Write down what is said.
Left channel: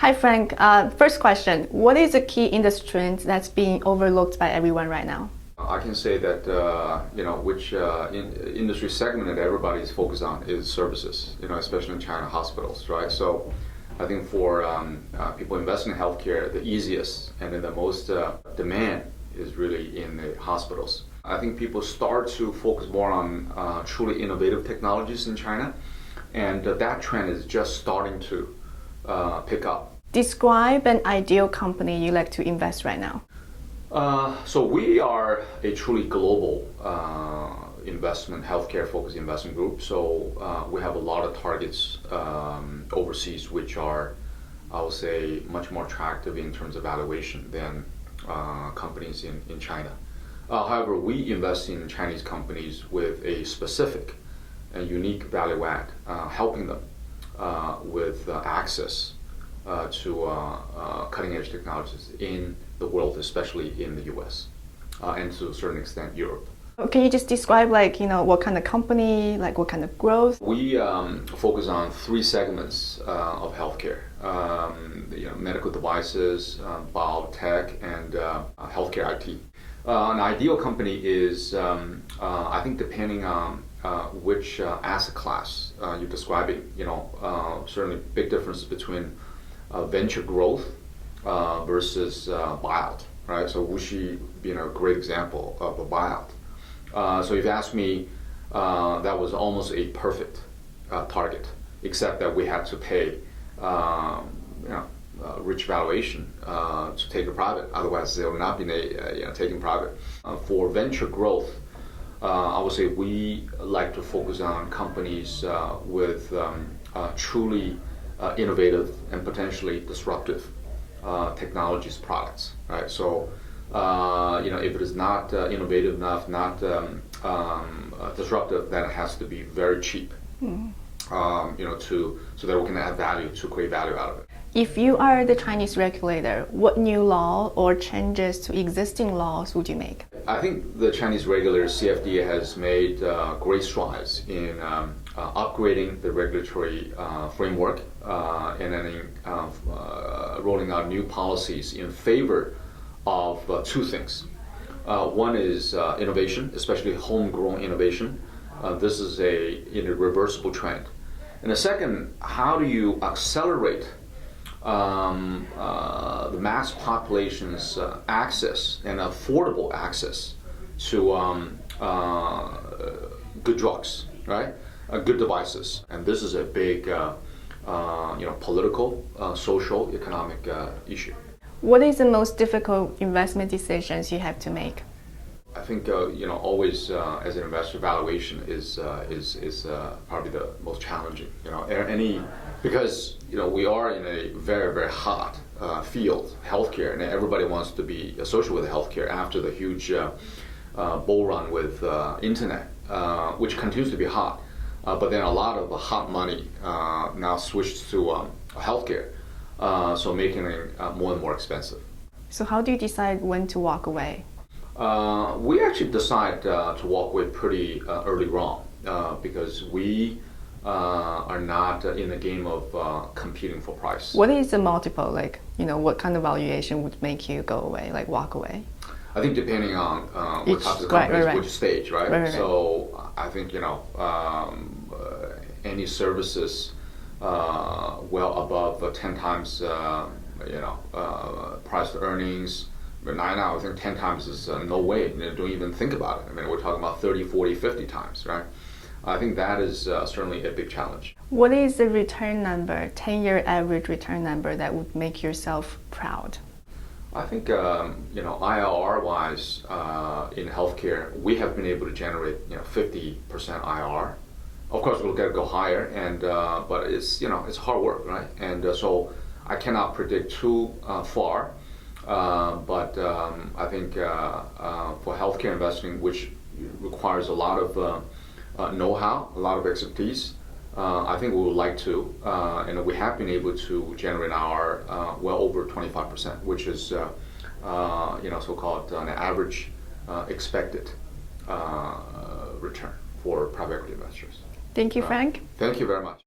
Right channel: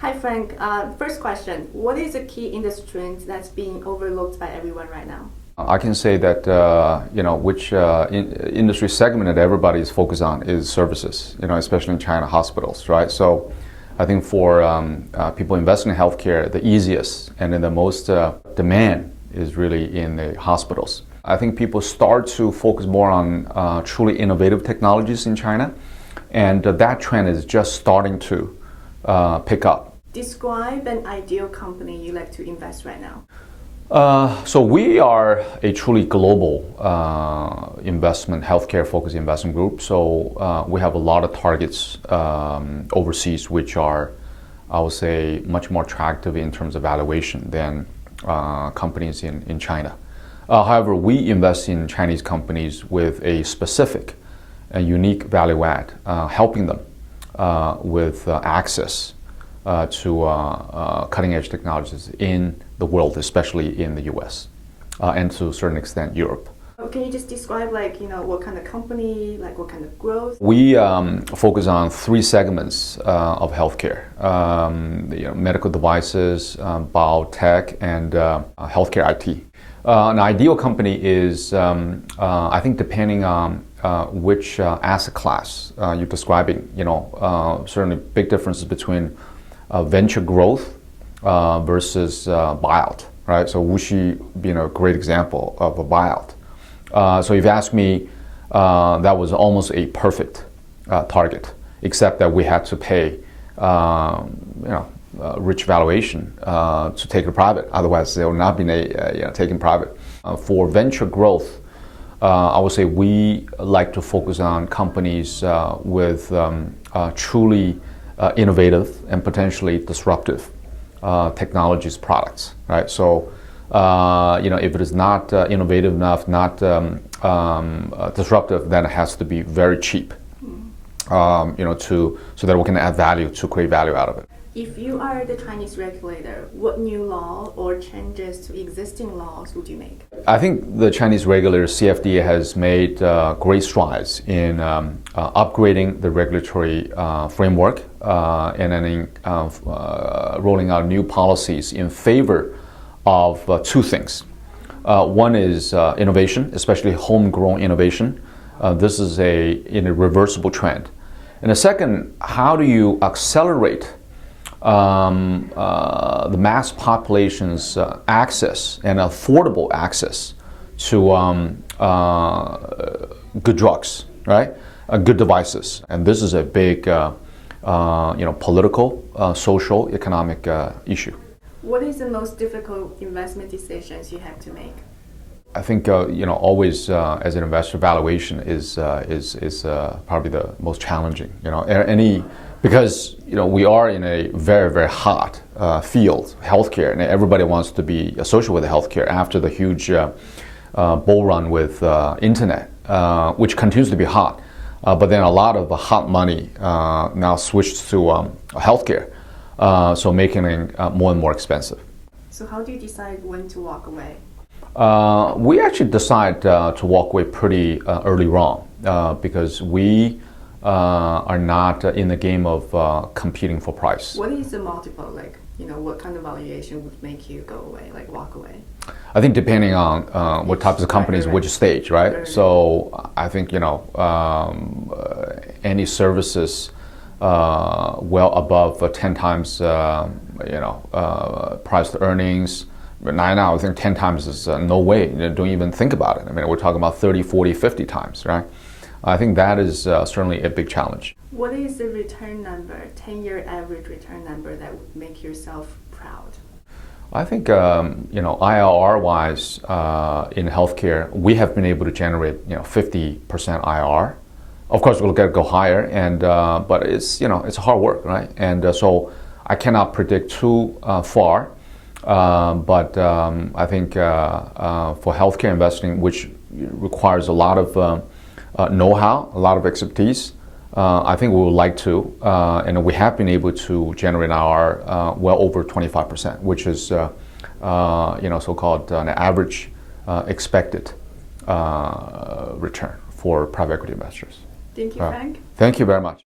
Hi, Frank. First question, what is the key industry trend that's being overlooked by everyone right now? I can say that which industry segment that everybody is focused on is services. Especially in China, hospitals, right? So, I think for people investing in healthcare, the easiest and then the most demand is really in the hospitals. I think people start to focus more on truly innovative technologies in China, and that trend is just starting to pick up. Describe an ideal company you like to invest right now. So we are a truly global healthcare-focused investment group. So we have a lot of targets overseas, which are, I would say, much more attractive in terms of valuation than companies in China. However, we invest in Chinese companies with a specific and unique value add, helping them with access to cutting-edge technologies in the world, especially in the U.S. And to a certain extent, Europe. Can you just describe, what kind of company, what kind of growth? We focus on three segments of healthcare: medical devices, biotech, and healthcare IT. An ideal company is, I think, depending on which asset class you're describing. Certainly big differences between venture growth versus buyout, right? So Wuxi being a great example of a buyout. So if you ask me, that was almost a perfect target, except that we had to pay rich valuation to take it private. Otherwise, they would not be taken private. For venture growth, I would say we like to focus on companies with truly innovative and potentially disruptive technologies products, right? So, if it is not innovative enough, not disruptive, then it has to be very cheap, so that we can add value to create value out of it. If you are the Chinese regulator, what new law or changes to existing laws would you make? I think the Chinese regulator, CFD, has made great strides in upgrading the regulatory framework and then rolling out new policies in favor of two things. One is innovation, especially homegrown innovation. This is a reversible trend. And the second, how do you accelerate the mass population's access and affordable access to good drugs, right? Good devices. And this is a big political, social, economic issue. What is the most difficult investment decisions you have to make? I think always as an investor, valuation is probably the most challenging. Because we are in a very, very hot field, healthcare, and everybody wants to be associated with healthcare after the huge bull run with internet, which continues to be hot. But then a lot of the hot money now switched to healthcare, so making it more and more expensive. So how do you decide when to walk away? We actually decide to walk away pretty early on because we are not in the game of competing for price. What is the multiple? What kind of valuation would make you go away, walk away? I think depending on what types of companies, which stage, right? So I think any services well above 10 times price to earnings. But now I think 10 times is no way. Don't even think about it. I mean, we're talking about 30, 40, 50 times, right? I think that is certainly a big challenge. What is the return number, 10-year average return number that would make yourself proud? I think, IRR-wise, in healthcare, we have been able to generate, 50% IRR. Of course, we'll go higher, and but it's hard work, right? And so I cannot predict too far. But I think for healthcare investing, which requires a lot of know-how, a lot of expertise, I think we would like to, and we have been able to generate our well over 25%, which is so-called an average expected return for private equity investors. Thank you, Frank. Thank you very much.